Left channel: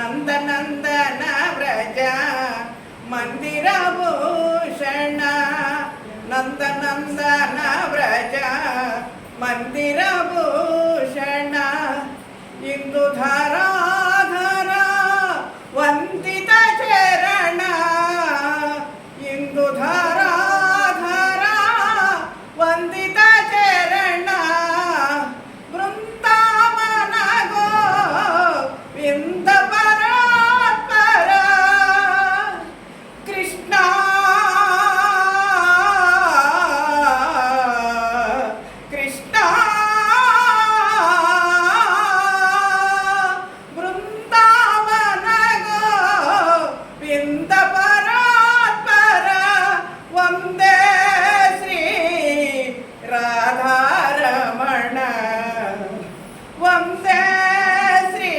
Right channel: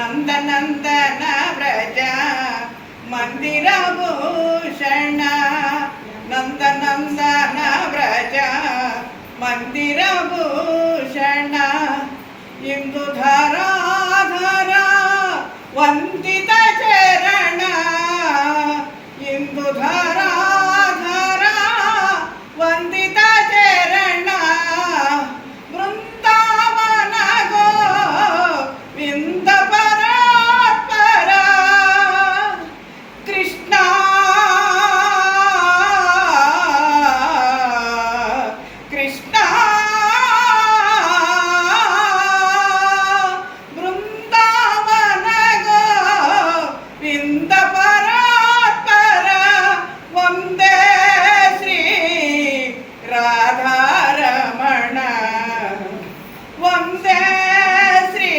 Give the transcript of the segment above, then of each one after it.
ನಂದನಂದನ ವ್ರಜ ಮಂದಿರಭೂಷಣ ನಂದನಂದನ ವ್ರಜ ಮಂದಿರಭೂಷಣ ಇಂದು ಧರಾಧರ ವಂದಿತ ಚರಣ ಇಂದು ಧರಾಧರ ವಂದಿತ ಚರಣ ವೃಂದಾವನ ಗೋವಿಂದ ಪರಾತ್ಪರ ಕೃಷ್ಣ ಕೃಷ್ಣ ವೃಂದಾವನ ಗೋವಿಂದ ಪರಾತ್ಪರ ವಂದೇ ಶ್ರೀ ರಾಧಾರಮಣ ವಂದೇ ಶ್ರೀ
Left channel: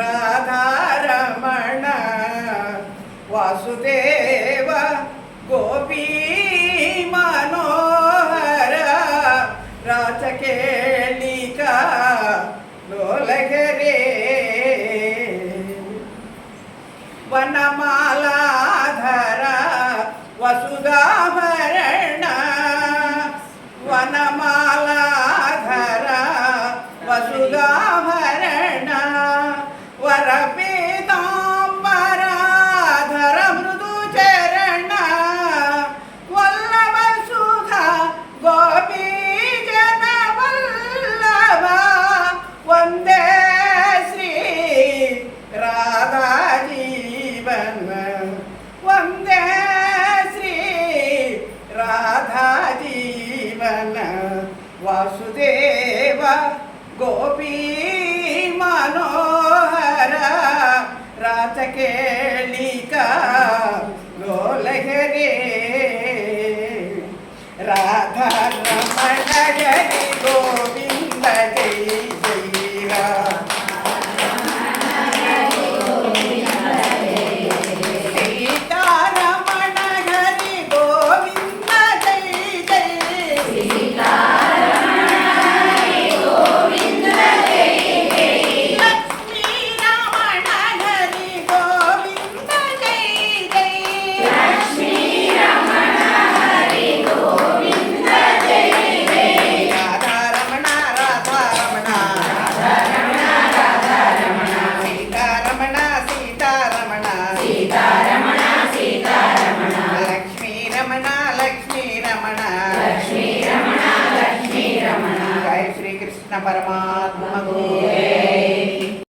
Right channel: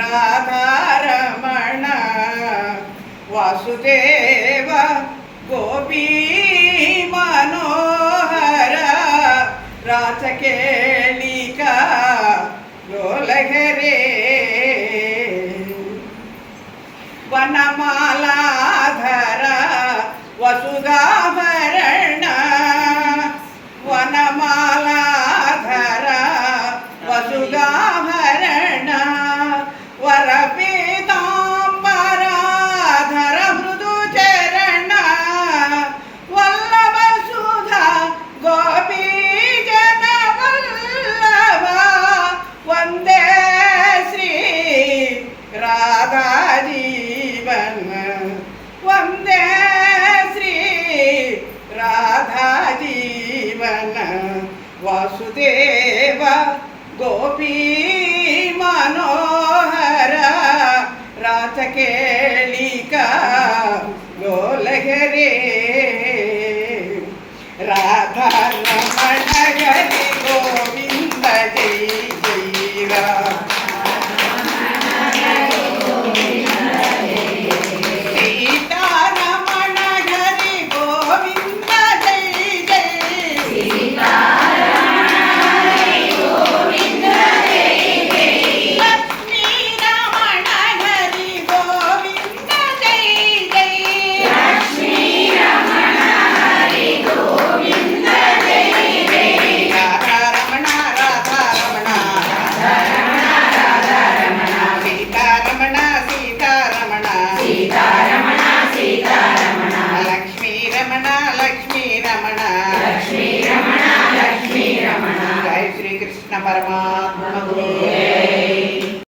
ರಾಧಾರಮಣ ವಾಸುದೇವ ಗೋಪೀ ಮನೋಹರ ರಾಚಕೇಳಿಕ ಲೋಲಗರೇ ವನಮಾಲಾಧರ ವಸುಧಾಭರಣ ವನಮಾಲಾಧರ ವಸುಧಾಭರಣ ವರಪೀತಾಂಬರಾಧರ ಮೃದು ಚರಣ ವಲ್ಲಭ ಸುಧಾ ಗೋಪೀ ಜನ ವಲ್ಲಭ ವಂದೇ ಶ್ರೀ ರಾಧಾ ಜೀವನ ವಂದೇ ಶ್ರೀ ರಾಧಾ ಜೀವನ ವಾಸುದೇವ ಗೋಪೀ ಮನೋಹರ ರಾಚಕೇಳಿಕ ಲೋಲಗರೇ ರಾಧಾ ರಮಣ ಹರಿ ಗೋವಿಂದ ಜೈ